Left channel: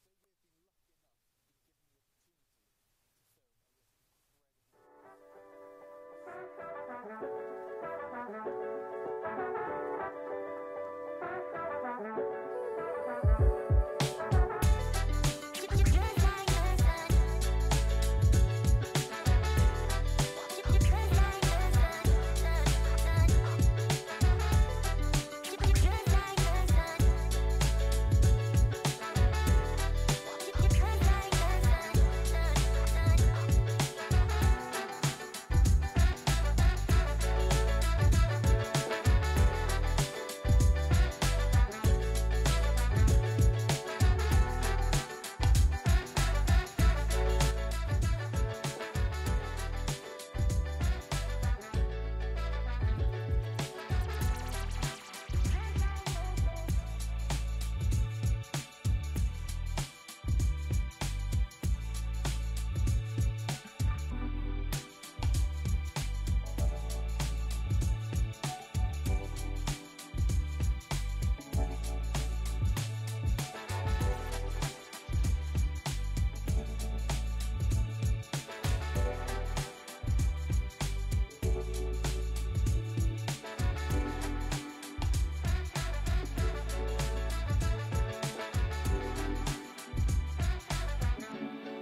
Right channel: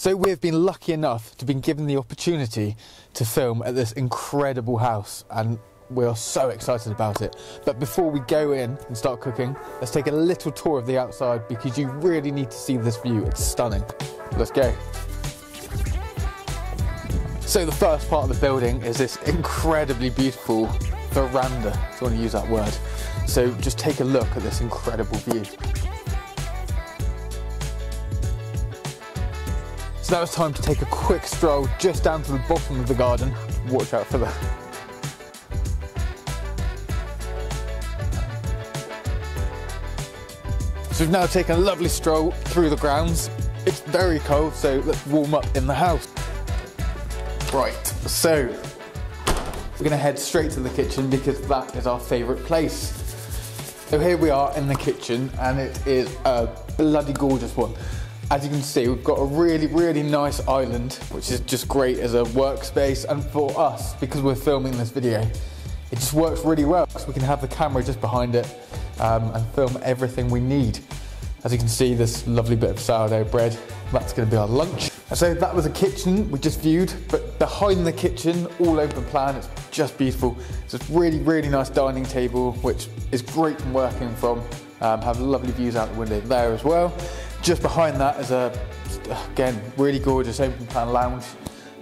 So we've been lucky enough to be given the opportunity to film at this incredible house, and we are so excited about it. But before we go in and start cooking, let's take a little tour of the outside because you really need to see this view. It's stunning. Let's go. So the first part of the building is this incredibly beautiful veranda, if you want to use that word. So just take a look at this incredible view. So now it's time to take a quick stroll just down to the bottom of the garden. Watch out for that. So we've now taken a lovely stroll through the grounds. It's very cold, so let's warm up in the house. Right, so we're going to head straight to the kitchen because that is our favourite place. So here we are in the kitchen, and it is a bloody gorgeous one. As you can see, we've got a really, really nice island, which is just great as a workspace, and for us, because we're filming this video, it just works really well. So we can have the camera just behind it and film everything we need. As you can see, this lovely bit of sourdough bread, that's going to be our lunch. So that was the kitchen we just viewed, but behind the kitchen, all open plan, it's just beautiful. It's a really, really nice dining table, which is great from working from. Have lovely views out the window there as well. Just behind that is a, again, really gorgeous open plan lounge.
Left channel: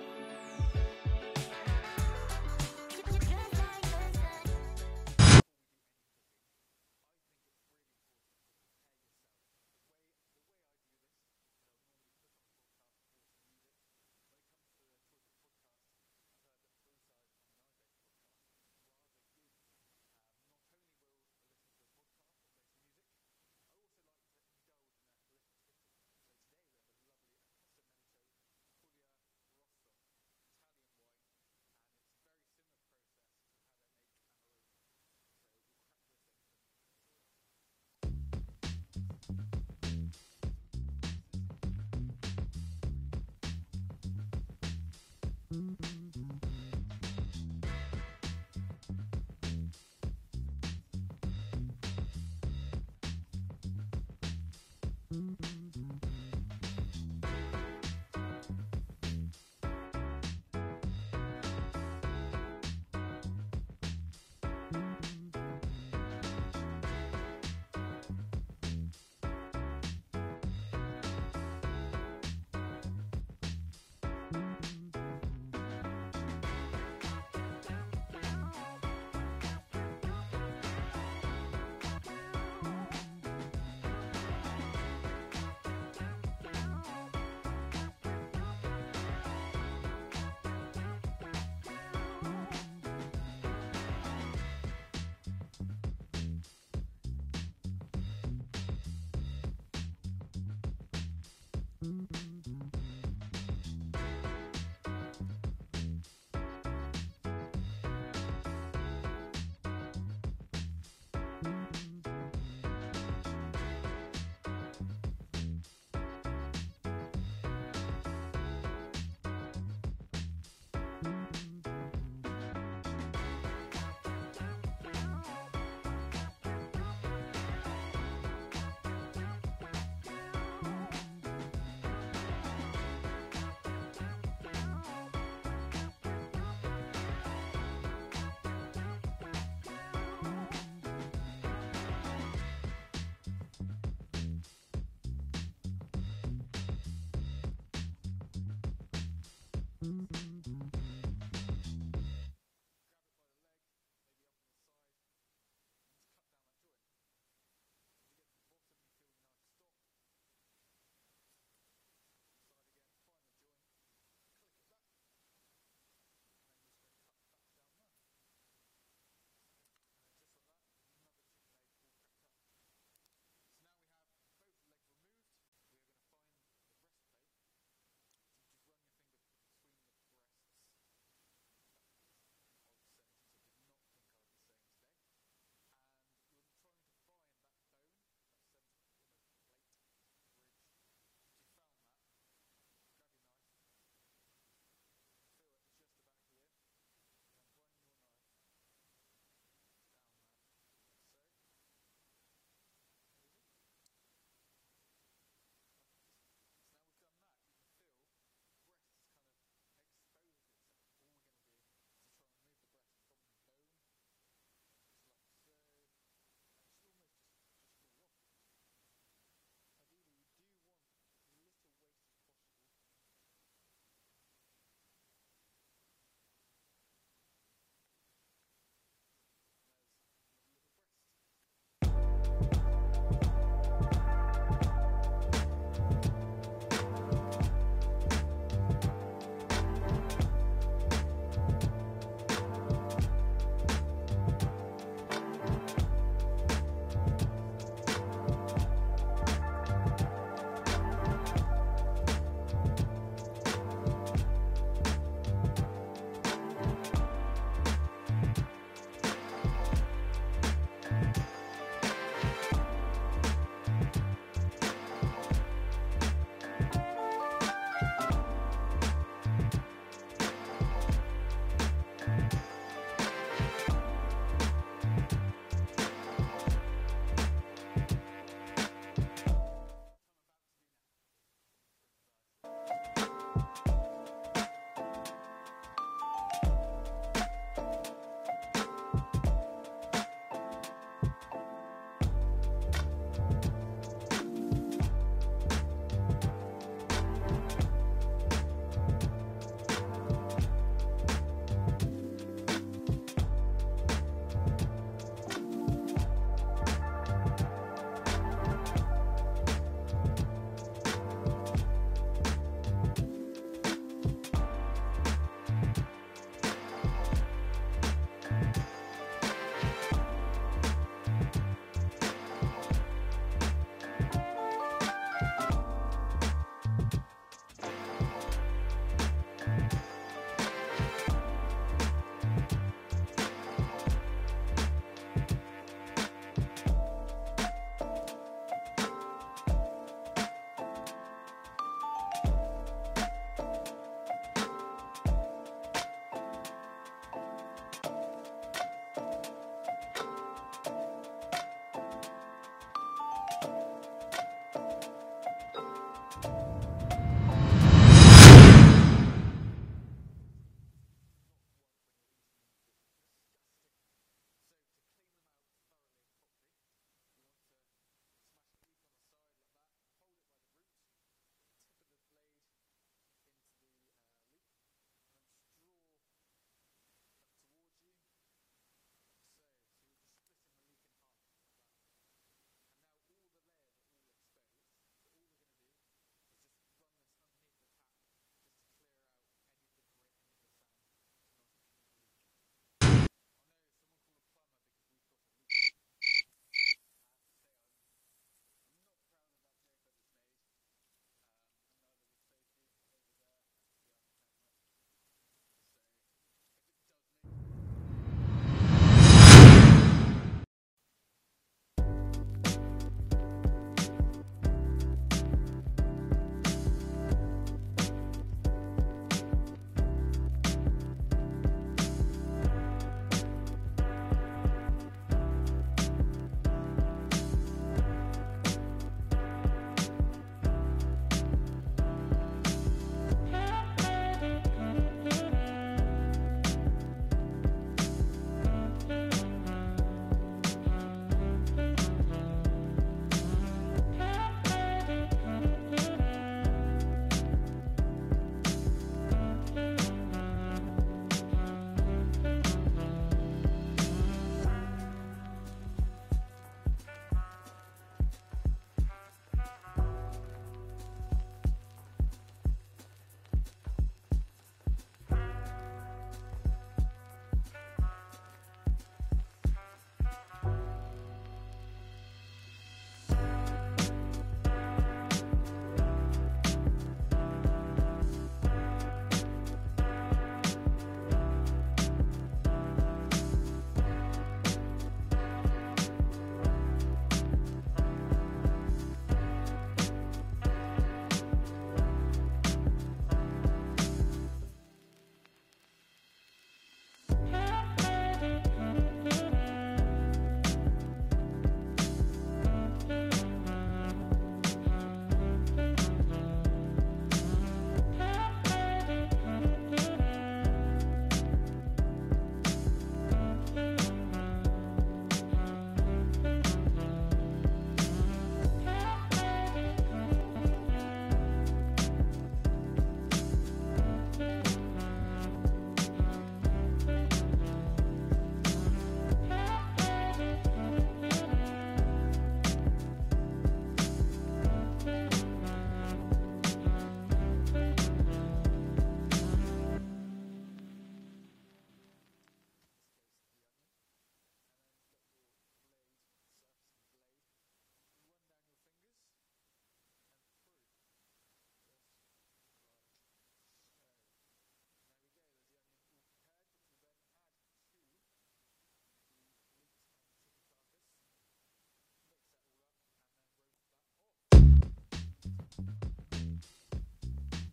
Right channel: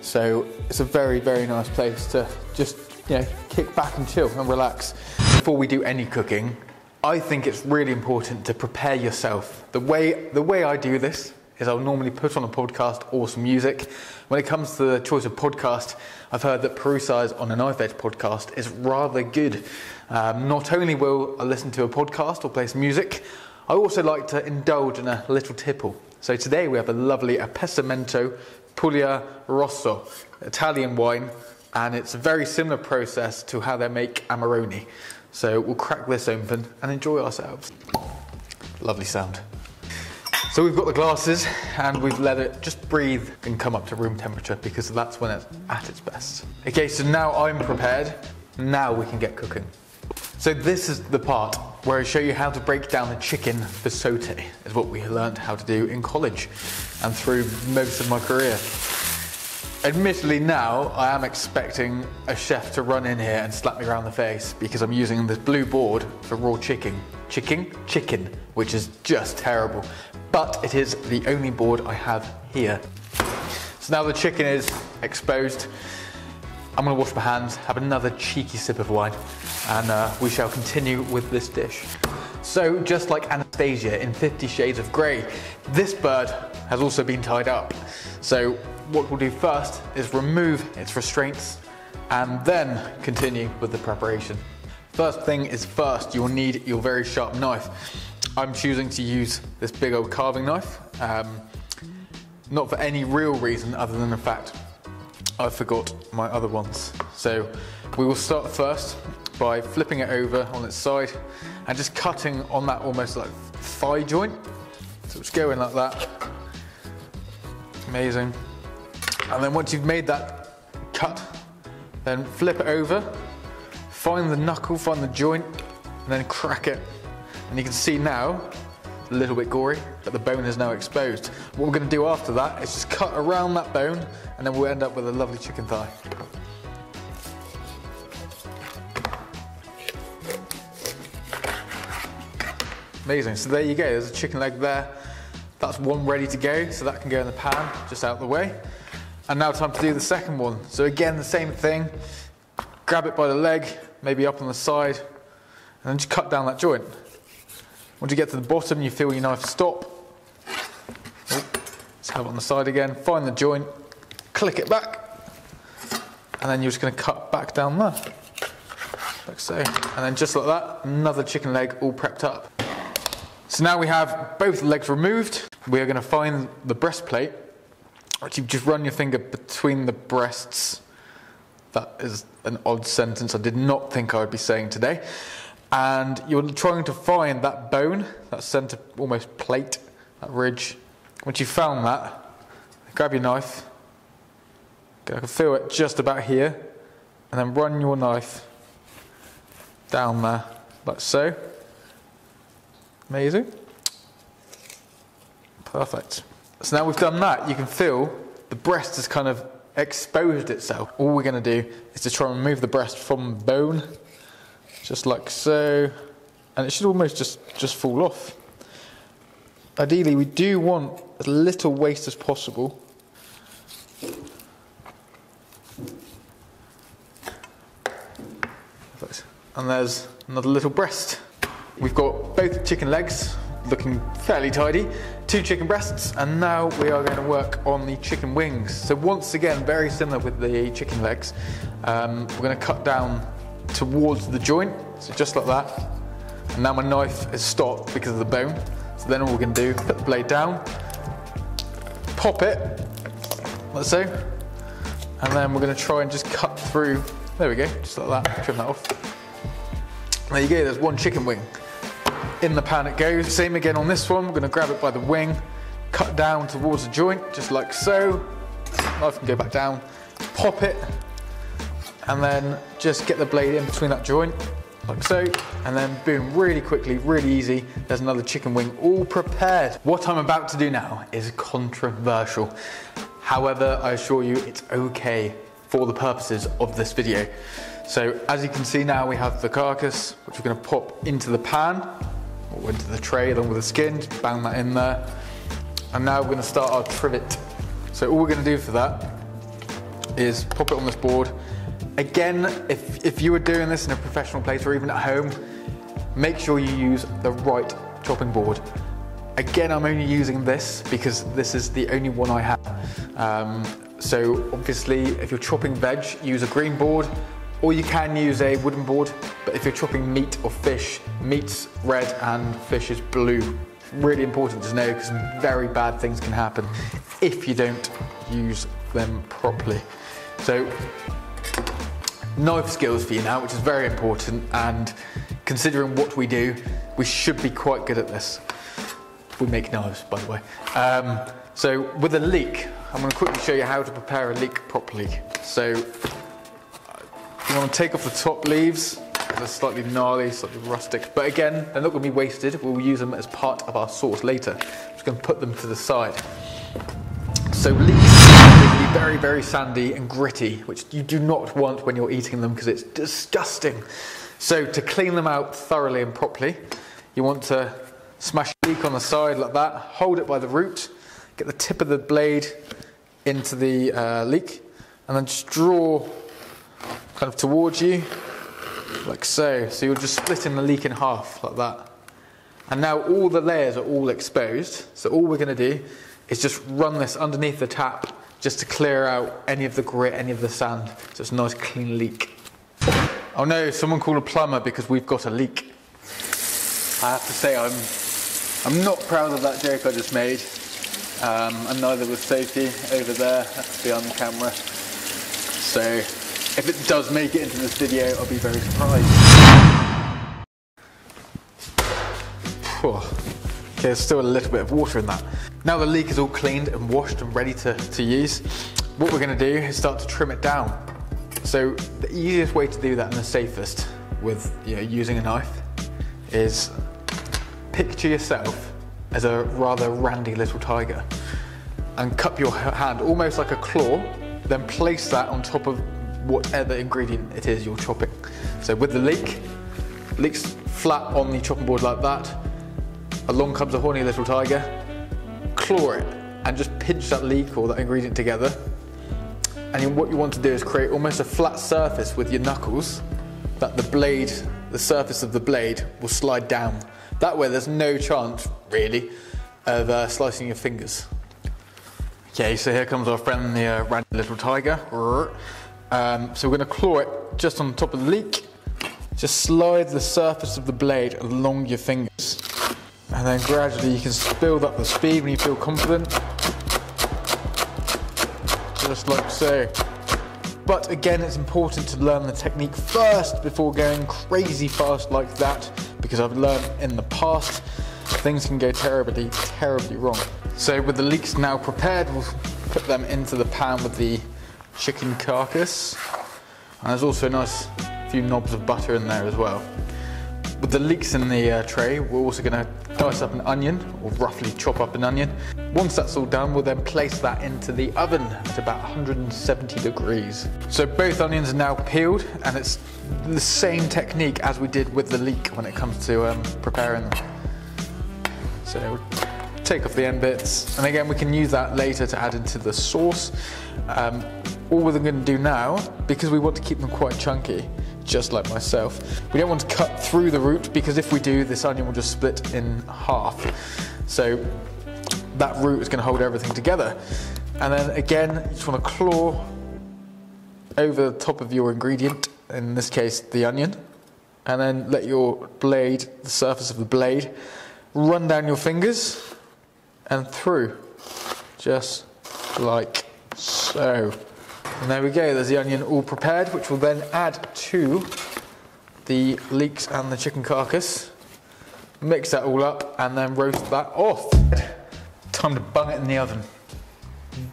So it's a very, very nice place to just, kick back and chill and relax. Before we do any cooking, I think it's really important to prepare yourself. The way I do this is I'll normally put on a podcast or some music. When it comes to the choice of podcast, I've heard that Perusai's On a Knife Edge podcast is rather good. Not only will I listen to a podcast or play some music, I also like to indulge in a little tipple. So today we have a lovely Appessimento Puglia Rosso, Italian wine, and it's a very similar process to how they make Amarone. So we'll crack this open and enjoy ourselves. Lovely sound. So we've got the glasses and we've let it just breathe and come up to room temperature because that's when it's at its best. Okay, so now I'm prepared. Now we can get cooking. So this is the part where I show you how to break down a chicken for sauté, is what we learned how to do in college and through most of my career. Admittedly now, I am expecting a chef to run in here and slap me around the face because I'm using this blue board for raw chicken, which is just terrible. But it is the only board I have here. So now the chicken is exposed. I'm going to wash my hands, have another cheeky sip of wine, and we shall continue with this dish. So, just like Anastasia in 50 Shades of Grey, this bird has also been tied up. So, what we'll do first is remove its restraints and then continue with the preparation. First thing is first, you'll need your very sharp knife. I'm choosing to use this big old carving knife, not for any real reason other than the fact I forgot my other ones. So we will start first by flipping it over on its side and just cutting on that almost like thigh joint. So just go in like that. Amazing. And then once you've made that cut, then flip it over, find the knuckle, find the joint, and then crack it. And you can see now, a little bit gory, but the bone is now exposed. What we're going to do after that is just cut around that bone, and then we'll end up with a lovely chicken thigh. Amazing, so there you go, there's a chicken leg there. That's one ready to go, so that can go in the pan, just out of the way. And now time to do the second one. So again, the same thing, grab it by the leg, maybe up on the side, and then just cut down that joint. Once you get to the bottom, you feel your knife stop. Let's have it on the side again, find the joint, click it back, and then you're just going to cut back down there, like so. And then just like that, another chicken leg all prepped up. So now we have both legs removed. We are going to find the breastplate, which you just run your finger between the breasts. That is an odd sentence I did not think I would be saying today. And you're trying to find that bone, that centre almost plate, that ridge. Once you've found that, grab your knife, I can feel it just about here, and then run your knife down there, like so. Amazing. Perfect. So now we've done that, you can feel the breast has kind of exposed itself. All we're going to do is to try and remove the breast from the bone, just like so, and it should almost just fall off. Ideally, we do want as little waste as possible. And there's another little breast. We've got both chicken legs looking fairly tidy, 2 chicken breasts, and now we are going to work on the chicken wings. So once again, very similar with the chicken legs, we're going to cut down towards the joint, so just like that. And now my knife is stopped because of the bone. So then all we're going to do, put the blade down, pop it, like so, and then we're going to try and just cut through. There we go, just like that, trim that off. There you go, there's one chicken wing. In the pan it goes. Same again on this one. We're going to grab it by the wing, cut down towards the joint, just like so. Knife can go back down, pop it, and then just get the blade in between that joint, like so, and then boom, really quickly, really easy. There's another chicken wing all prepared. What I'm about to do now is controversial. However, I assure you it's okay for the purposes of this video. So as you can see now, we have the carcass, which we're going to pop into the pan, or into the tray along with the skin, just bang that in there. And now we're going to start our trivet. So all we're going to do for that is pop it on this board. Again, if you were doing this in a professional place or even at home, make sure you use the right chopping board. Again, I'm only using this because this is the only one I have. So obviously, if you're chopping veg, use a green board, or you can use a wooden board. But if you're chopping meat or fish, meat's red and fish is blue. Really important to know because very bad things can happen if you don't use them properly. So knife skills for you now, which is very important, and considering what we do, we should be quite good at this. We make knives, by the way. So with a leek, I'm going to quickly show you how to prepare a leek properly. So you want to take off the top leaves. They're slightly gnarly, slightly rustic, but again, they're not going to be wasted. We'll use them as part of our sauce later. I'm just going to put them to the side. So leeks are be very, very sandy and gritty, which you do not want when you're eating them because it's disgusting. So to clean them out thoroughly and properly, you want to smash a leek on the side like that, hold it by the root, get the tip of the blade into the leek, and then just draw kind of towards you, like so. So you're just splitting the leek in half, like that. And now all the layers are all exposed, so all we're going to do is just run this underneath the tap, just to clear out any of the grit, any of the sand, so it's a nice clean leek. Oh no, someone called a plumber because we've got a leak. I have to say I'm not proud of that joke I just made, and neither was Sophie over there behind the camera. So if it does make it into this video, I'll be very surprised. Okay, there's still a little bit of water in that. Now the leek is all cleaned and washed and ready to use, what we're going to do is start to trim it down. So the easiest way to do that and the safest with using a knife is picture yourself as a rather randy little tiger and cup your hand almost like a claw, then place that on top of whatever ingredient it is you're chopping. So with the leek's flat on the chopping board like that, along comes a horny little tiger, claw it and just pinch that leek or that ingredient together. And what you want to do is create almost a flat surface with your knuckles that the surface of the blade will slide down. That way there's no chance, really, of slicing your fingers. Okay, so here comes our friend, the randy little tiger. So we're going to claw it just on top of the leek. Just slide the surface of the blade along your fingers. And then gradually you can build up the speed when you feel confident. Just like so. But again, it's important to learn the technique first before going crazy fast like that, because I've learned in the past things can go terribly, terribly wrong. So with the leeks now prepared, we'll put them into the pan with the chicken carcass. And there's also a nice few knobs of butter in there as well. With the leeks in the tray, we're also going to dice up an onion, or roughly chop up an onion. Once that's all done, we'll then place that into the oven at about 170 degrees. So both onions are now peeled, and it's the same technique as we did with the leek when it comes to preparing them. So take off the end bits, and again we can use that later to add into the sauce. All we're going to do now, because we want to keep them quite chunky, just like myself, we don't want to cut through the root, because if we do, this onion will just split in half. So that root is going to hold everything together. And then again, you just want to claw over the top of your ingredient, in this case the onion, and then let your blade, the surface of the blade, run down your fingers and through, just like so. And there we go, there's the onion all prepared, which we'll then add to the leeks and the chicken carcass. Mix that all up and then roast that off. Time to bung it in the oven.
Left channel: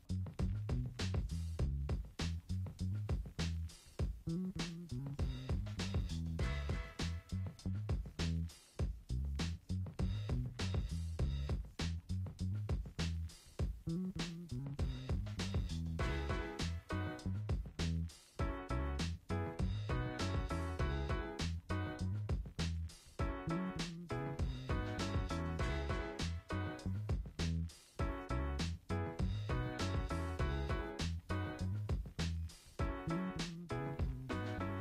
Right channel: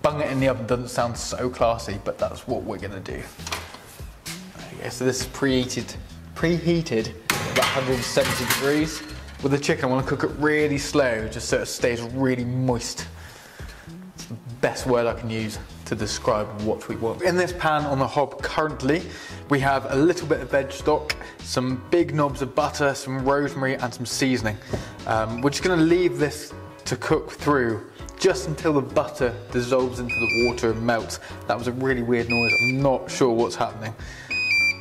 Bung it in the oven doesn't sound so classy, but that's what we're gonna do. Okay, so this is preheated about 170 degrees. With the chicken, I want to cook it really slow, just so it stays really moist. It's the best word I can use to describe what we want. In this pan on the hob currently, we have a little bit of veg stock, some big knobs of butter, some rosemary and some seasoning. We're just going to leave this to cook through just until the butter dissolves into the water and melts. That was a really weird noise, I'm not sure what's happening.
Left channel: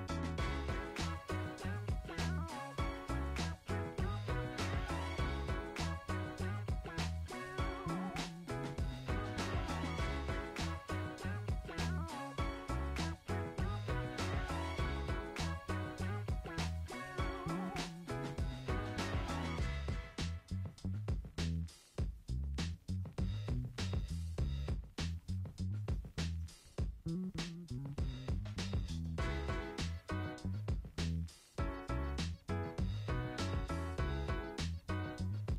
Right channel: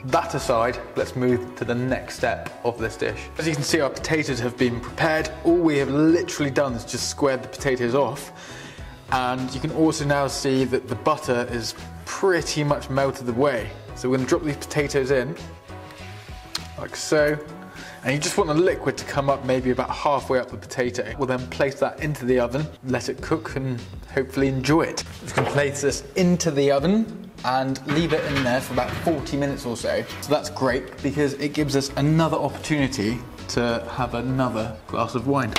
That aside, let's move to the next step of this dish. As you can see, our potatoes have been prepared. All we have literally done is just squared the potatoes off. And you can also now see that the butter is pretty much melted away. So we're going to drop these potatoes in, like so. And you just want the liquid to come up maybe about halfway up the potato. We'll then place that into the oven, let it cook, and hopefully enjoy it. Just going to place this into the oven and leave it in there for about 40 minutes or so. So that's great because it gives us another opportunity to have another glass of wine.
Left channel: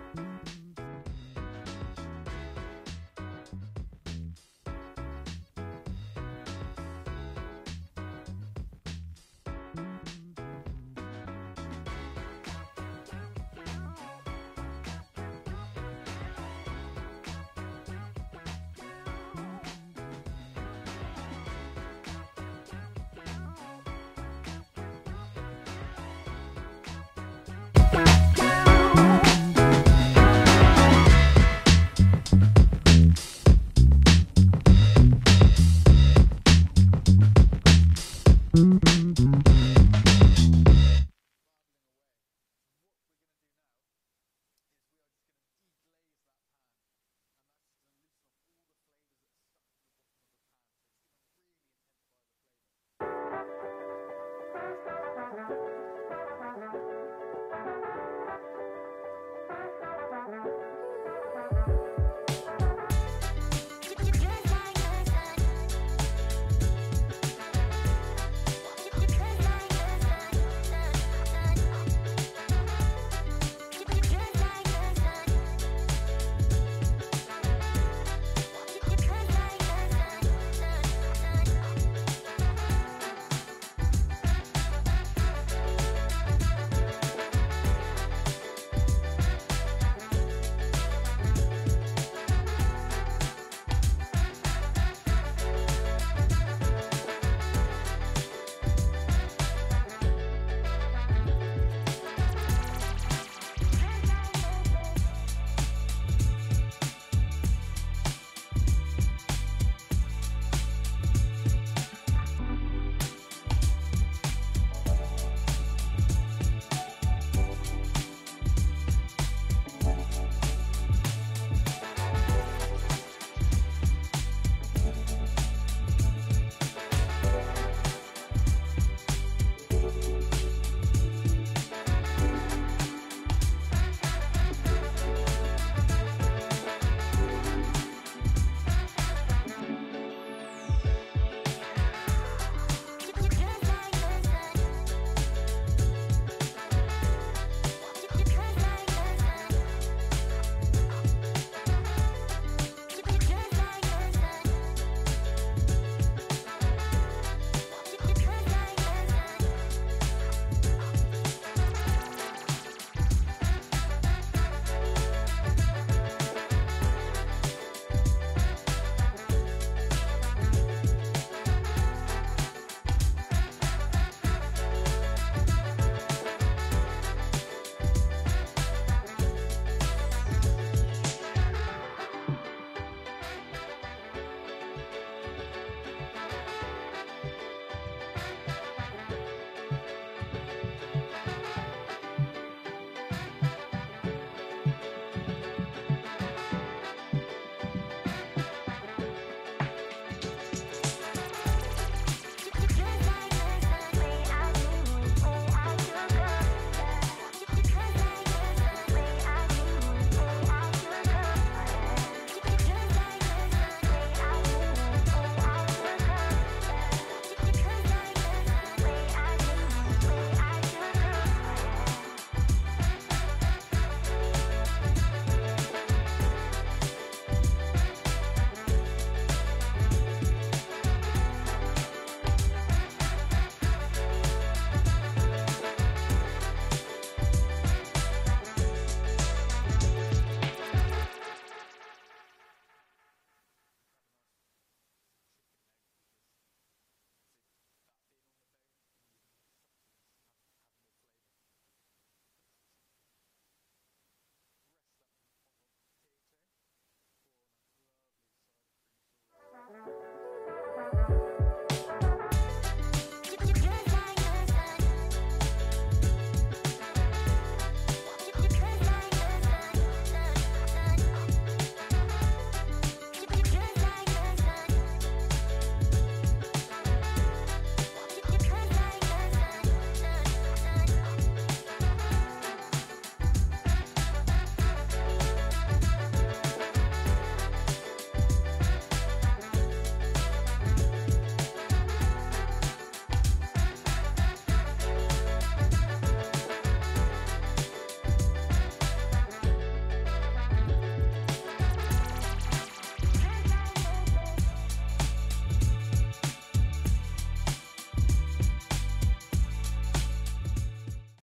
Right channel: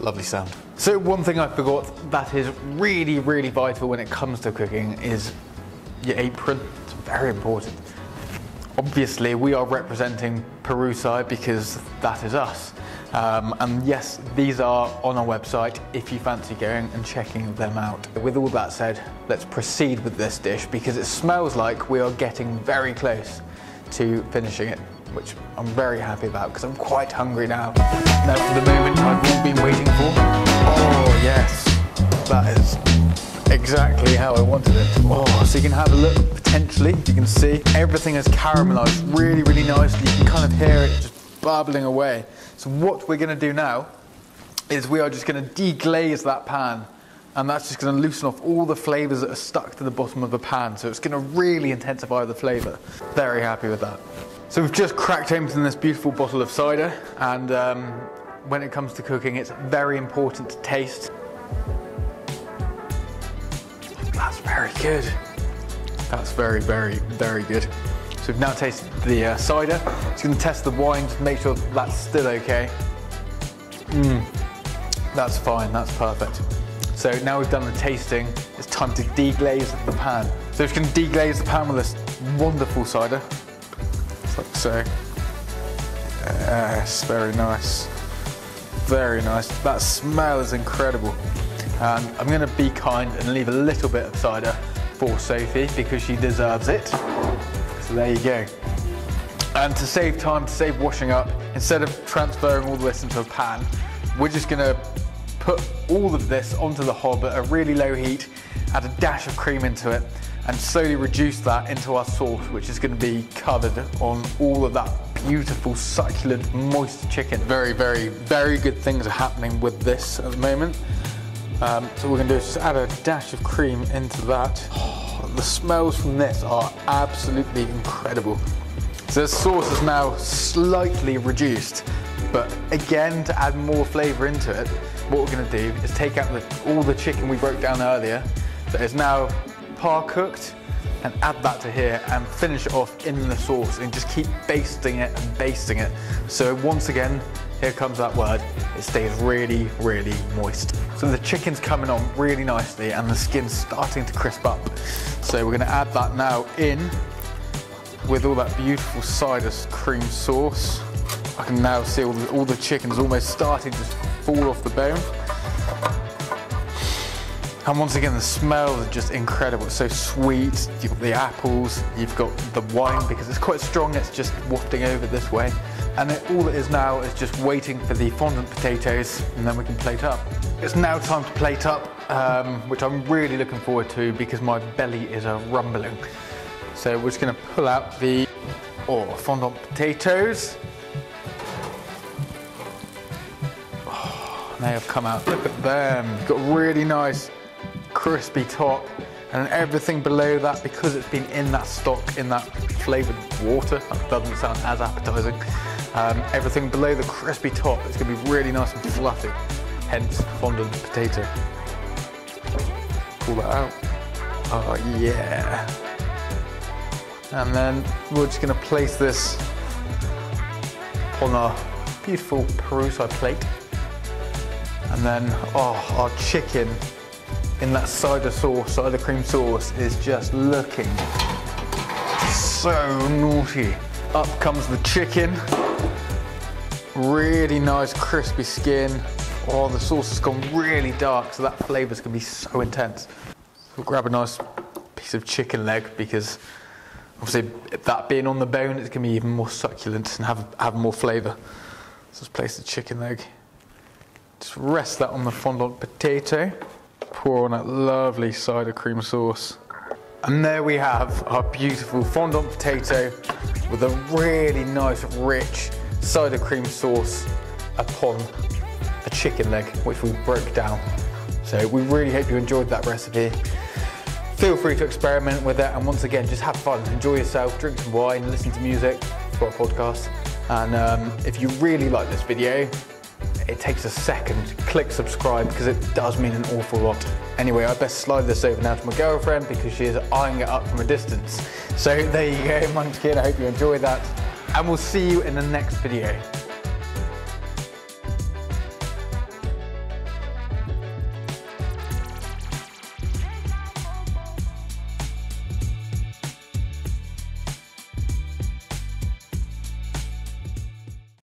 Lovely sound. So one thing I forgot that is really, really vital when it comes to cooking is your apron. It's very important. Obviously, we are representing Peru side because that is us. And yes, these are on our website if you fancy going and checking them out. With all that said, let's proceed with this dish because it smells like we are getting very close to finishing it, which I'm very happy about because I'm quite hungry now. Now, the moment I've been waiting for. Oh yes, that is exactly how I wanted it. Oh, so you can have a look, potentially, you can see everything is caramelized really, really nicely. You can kind of hear it just bubbling away. So what we're going to do now is we are just going to deglaze that pan, and that's just going to loosen off all the flavors that are stuck to the bottom of the pan. So it's going to really intensify the flavor. Very happy with that. So we've just cracked open this beautiful bottle of cider, and when it comes to cooking, it's very important to taste. That's very good. That's very, very, very good. So we've now tasted the cider. Just going to test the wine to make sure that's still okay. That's fine, that's perfect. So now we've done the tasting, it's time to deglaze the pan. So we're just going to deglaze the pan with this wonderful cider. Like so. Yes, very nice. Very nice. That smell is incredible. And I'm going to be kind and leave a little bit of cider for Sophie because she deserves it. So there you go. And to save time, to save washing up, instead of transferring all this into a pan, we're just going to put all of this onto the hob at a really low heat, add a dash of cream into it, and slowly reduce that into our sauce, which is going to be covered on all of that beautiful, succulent, moist chicken. Very, very, very good things are happening with this at the moment. So what we're going to do is just add a dash of cream into that. Oh, the smells from this are absolutely incredible. So the sauce is now slightly reduced, but again, to add more flavour into it, what we're going to do is take out all the chicken we broke down earlier, that is now par cooked, and add that to here and finish it off in the sauce and just keep basting it and basting it. So once again, here comes that word, it stays really, really moist. So the chicken's coming on really nicely and the skin's starting to crisp up. So we're going to add that now in with all that beautiful cider cream sauce. I can now see all the chicken's almost starting to fall off the bone. And once again, the smells are just incredible. It's so sweet. You've got the apples, you've got the wine because it's quite strong. It's just wafting over this way. And then all it is now is just waiting for the fondant potatoes, and then we can plate up. It's now time to plate up, which I'm really looking forward to because my belly is rumbling. So we're just going to pull out the fondant potatoes. They have come out. Look at them. Got a really nice crispy top, and everything below that, because it's been in that stock, in that flavoured water, that doesn't sound as appetizing. Everything below the crispy top is going to be really nice and fluffy, hence fondant potato. Pull that out. Oh yeah. And then we're just going to place this on our beautiful Perusa plate. And then, our chicken in that cider cream sauce is just looking so naughty. Up comes the chicken. Really nice crispy skin. Oh, the sauce has gone really dark, so that flavour's going to be so intense. We'll grab a nice piece of chicken leg because obviously that being on the bone, it's going to be even more succulent and have more flavour. So let's place the chicken leg. Just rest that on the fondant potato. Pour on that lovely cider cream sauce. And there we have our beautiful fondant potato with a really nice, rich cider cream sauce upon a chicken leg, which we broke down. So we really hope you enjoyed that recipe. Feel free to experiment with it, and once again, just have fun, enjoy yourself, drink some wine, listen to music for our podcast. And if you really like this video, it takes a second, click subscribe because it does mean an awful lot. Anyway, I best slide this over now to my girlfriend because she is eyeing it up from a distance. So there you go, Munchkin, I hope you enjoy that. And we'll see you in the next video.